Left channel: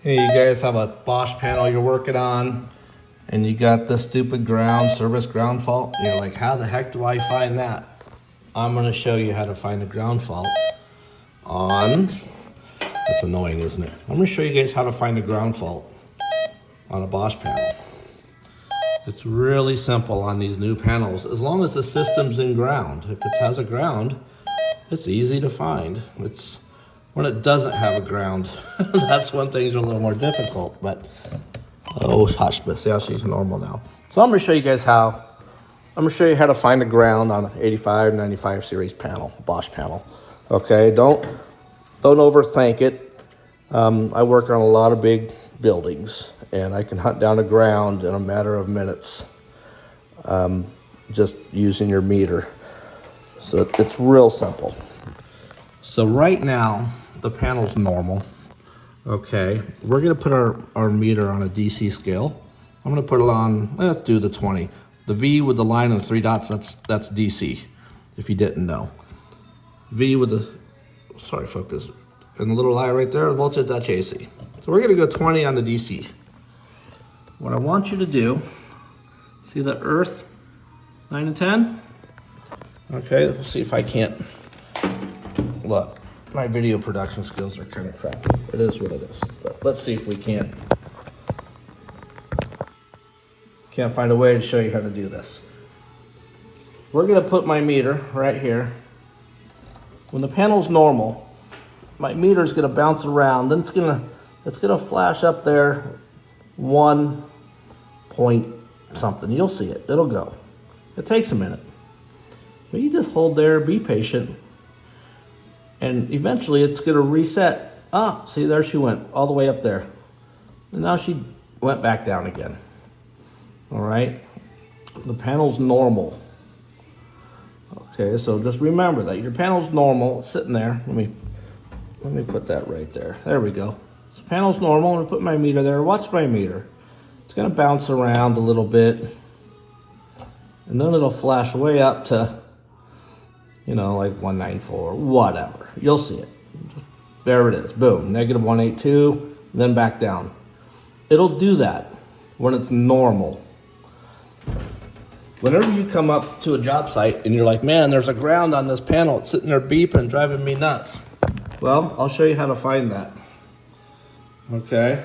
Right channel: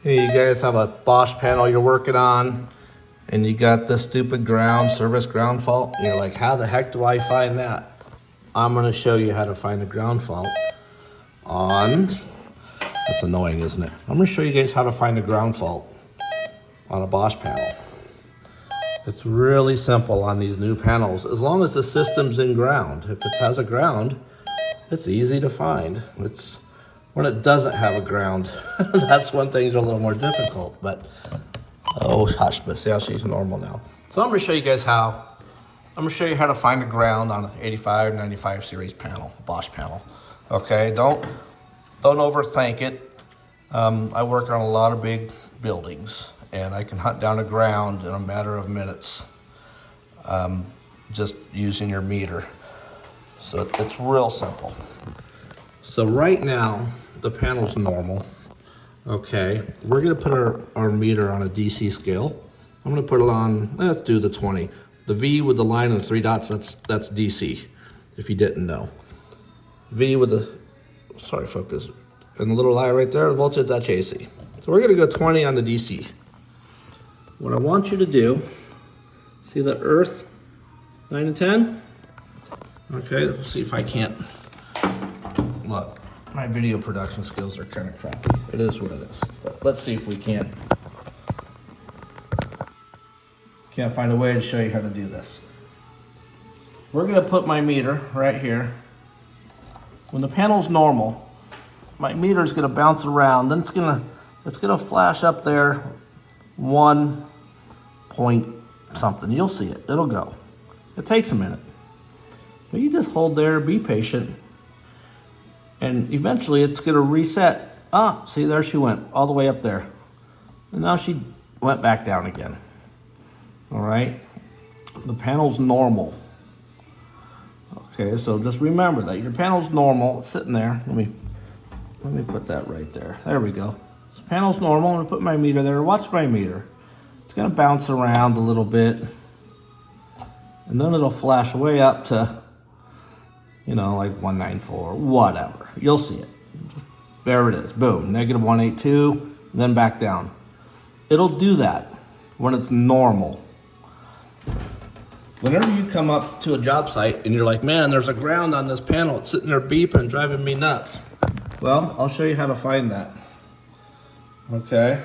Hey, you guys have a Bosch panel you're working on and you got this stupid service ground fault. You're like, how the heck do I find that? I'm gonna show you how to find a ground fault on, that's annoying, isn't it? I'm gonna show you guys how to find a ground fault on a Bosch panel. It's really simple on these new panels, as long as the system's in ground. If it has a ground, it's easy to find. It's when it doesn't have a ground, that's when things are a little more difficult, but oh hush, but see how she's normal now. So I'm gonna show you guys how. I'm gonna show you how to find a ground on an 85, 95 series panel, Bosch panel. Okay, don't overthink it. I work on a lot of big buildings and I can hunt down a ground in a matter of minutes, just using your meter. So it's real simple. So right now, the panel's normal. Okay, we're gonna put our meter on a DC scale. I'm gonna put it on, let's do the 20. The V with the line and the 3 dots, that's DC, if you didn't know. V with the, sorry focus, and the little eye right there, voltage, that's AC. So we're gonna go 20 on the DC. What I want you to do, see the earth, 9 and 10? Okay, let's see if I can't. Look, my video production skills are kind of crappy. It is what it is. But let's see if we can't find a way to show you how to do this. We're gonna put my meter right here. When the panel's normal, my meter is gonna bounce around. Then it's gonna flash up there 1 point something. You'll see it. It'll go. It takes a minute. But you just hold there, be patient. And eventually it's gonna reset. Ah, see, there she went, all the way up there. And now she went back down again. All right, the panel's normal. Okay, so just remember that your panel's normal, it's sitting there. Let me put that right there. There we go. So panel's normal, I'm gonna put my meter there. Watch my meter. It's gonna bounce around a little bit. And then it'll flash way up to, you know, like 194, whatever. You'll see it. There it is, boom, negative 182, and then back down. It'll do that when it's normal. Whenever you come up to a job site and you're like, man, there's a ground on this panel, it's sitting there beeping, driving me nuts. Well, I'll show you how to find that. Okay,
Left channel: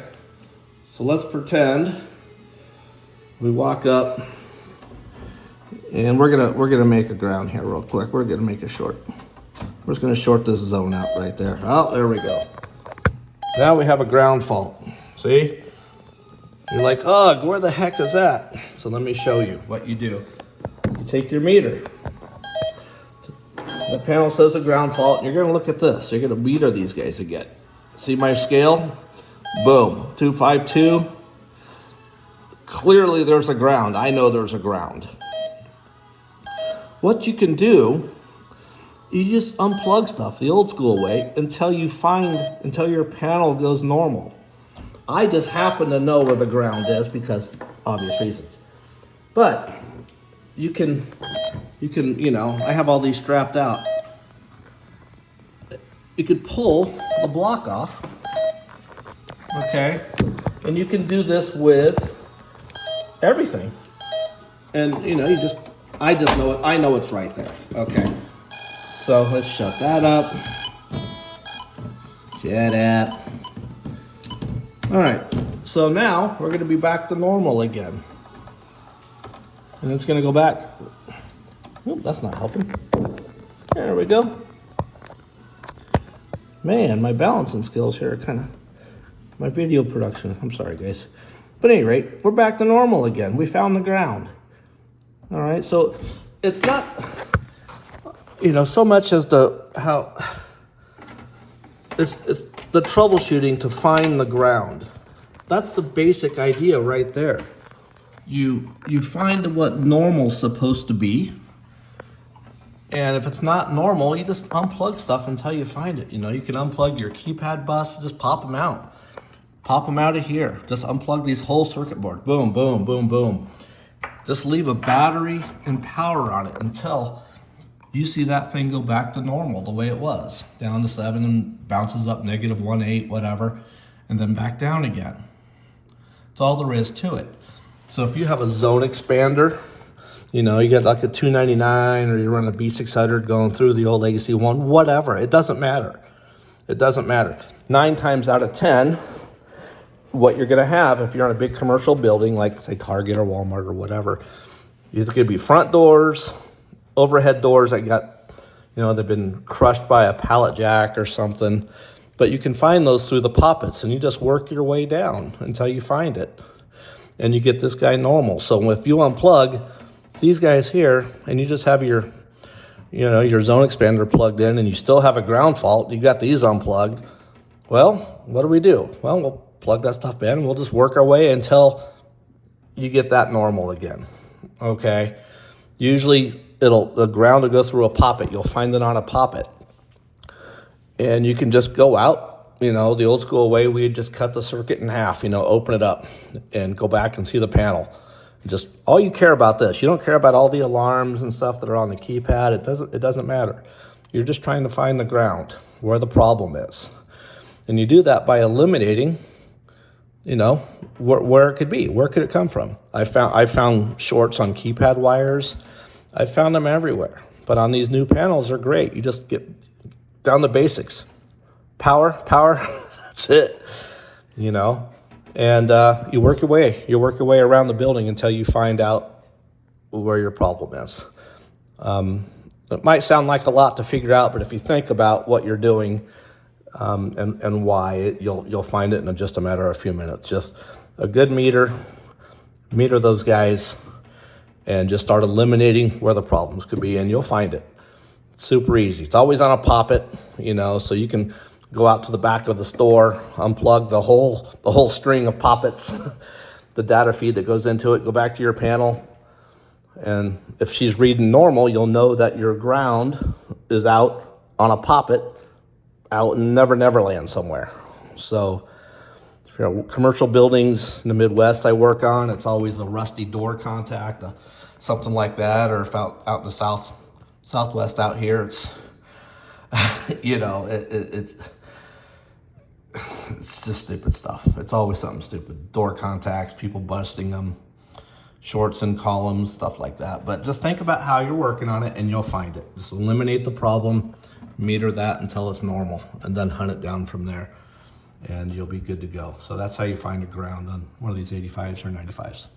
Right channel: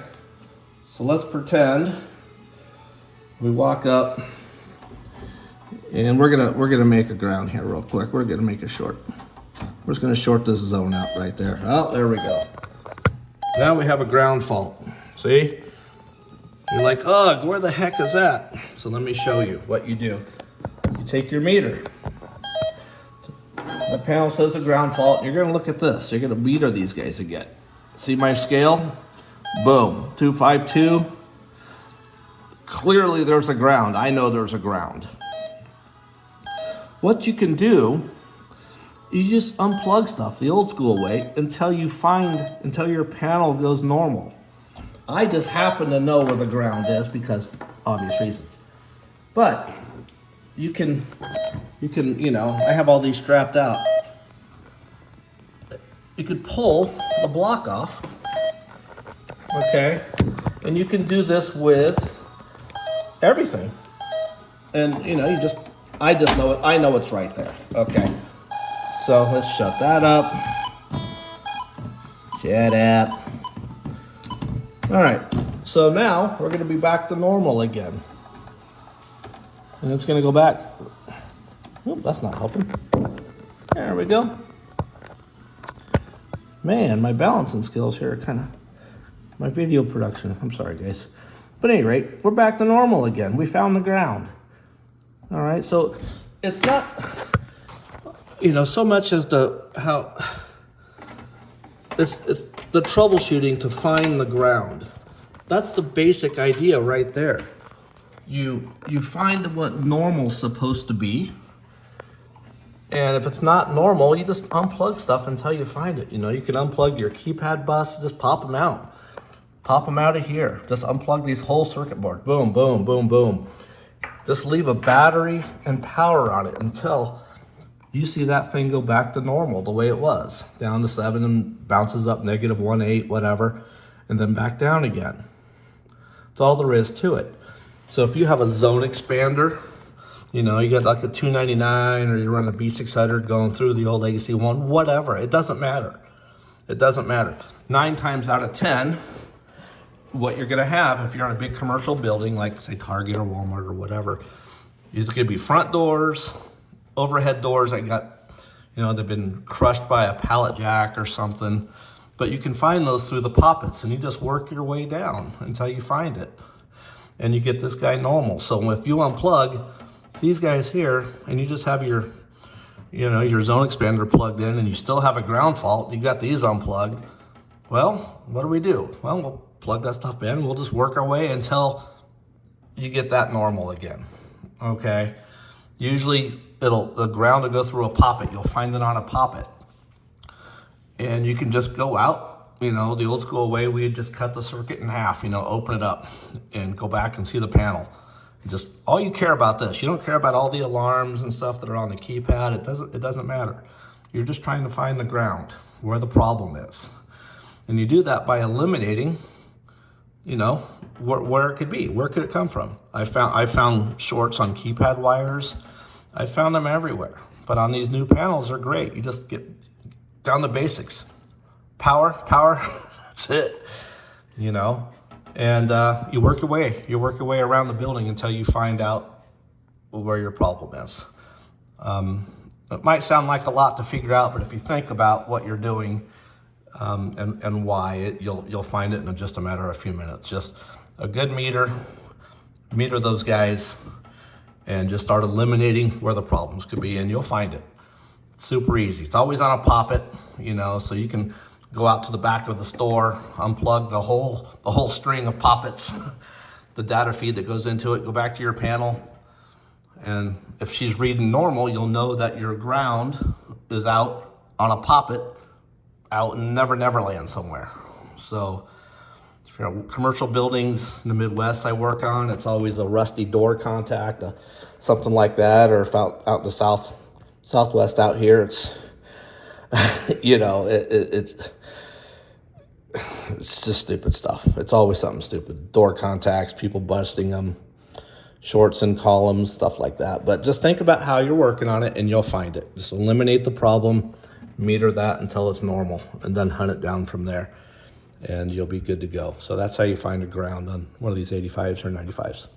so let's pretend we walk up. And we're gonna make a ground here real quick. We're gonna make a short. We're just gonna short this zone out right there. Oh, there we go. Now we have a ground fault. See? You're like, ugh, where the heck is that? So let me show you what you do. You take your meter. The panel says a ground fault. You're gonna look at this. You're gonna meter these guys again. See my scale? Boom, 252. Clearly there's a ground. I know there's a ground. What you can do, you just unplug stuff the old school way until your panel goes normal. I just happen to know where the ground is because obvious reasons. But you can, you know, I have all these strapped out. You could pull the block off, okay? And you can do this with everything. And you know, I just know it. I know it's right there. Okay. So let's shut that up. Shut up. All right. So now we're going to be back to normal again. And it's going to go back. Oop, that's not helping. There we go. Man, my balancing skills here are kind of, my video production. I'm sorry, guys. But at any rate, we're back to normal again. We found the ground. All right, so it's not, you know, so much as it's the troubleshooting to find the ground. That's the basic idea right there. You find what normal's supposed to be, and if it's not normal, you just unplug stuff until you find it. You know, you can unplug your keypad bus, just pop them out. Pop them out of here. Just unplug these whole circuit board. Boom, boom, boom, boom. Just leave a battery and power on it until you see that thing go back to normal the way it was. Down to 7 and bounces up negative 1.8, whatever. and then back down again. That's all there is to it. So if you have a zone expander, you know, you got like a 299 or you're running a B600 going through the old Legacy one, whatever, it doesn't matter. It doesn't matter. 9 times out of 10, what you're gonna have if you're on a big commercial building, like say Target or Walmart or whatever, is gonna be front doors, overhead doors that got, you know, they've been crushed by a pallet jack or something. But you can find those through the poppets, and you just work your way down until you find it. And you get this guy normal. So if you unplug these guys here, and you just have your, you know, your zone expander plugged in, and you still have a ground fault, you got these unplugged, well, what do? Well, we'll plug that stuff in, and we'll just work our way until you get that normal again, okay? Usually, the ground will go through a poppet. You'll find it on a poppet. And you can just go out, you know, the old school way, we'd just cut the circuit in half, you know, open it up and go back and see the panel. Just, all you care about this. You don't care about all the alarms and stuff that are on the keypad. It doesn't matter. You're just trying to find the ground, where the problem is. And you do that by eliminating, you know, where it could be. Where could it come from? I found shorts on keypad wires. I found them everywhere. But on these new panels, they're great. You just get down the basics. Power, that's it, you know? And you work your way around the building until you find out where your problem is. It might sound like a lot to figure out, but if you think about what you're doing and why, you'll find it in just a matter of a few minutes. Just a good meter those guys, and just start eliminating where the problems could be, and you'll find it. Super easy. It's always on a poppet, you know, so you can go out to the back of the store, unplug the whole string of poppets, the data feed that goes into it, go back to your panel, and if she's reading normal, you'll know that your ground is out on a poppet out in Neverland somewhere. So if you're in commercial buildings in the Midwest I work on, it's always a rusty door contact, something like that, or if out in the Southwest out here, it's, you know, it's just stupid stuff. It's always something stupid. Door contacts, people busting them, shorts in columns, stuff like that. But just think about how you're working on it and you'll find it. Just eliminate the problem, meter that until it's normal, and then hunt it down from there, and you'll be good to go. So that's how you find a ground on one of these 85s or 95s.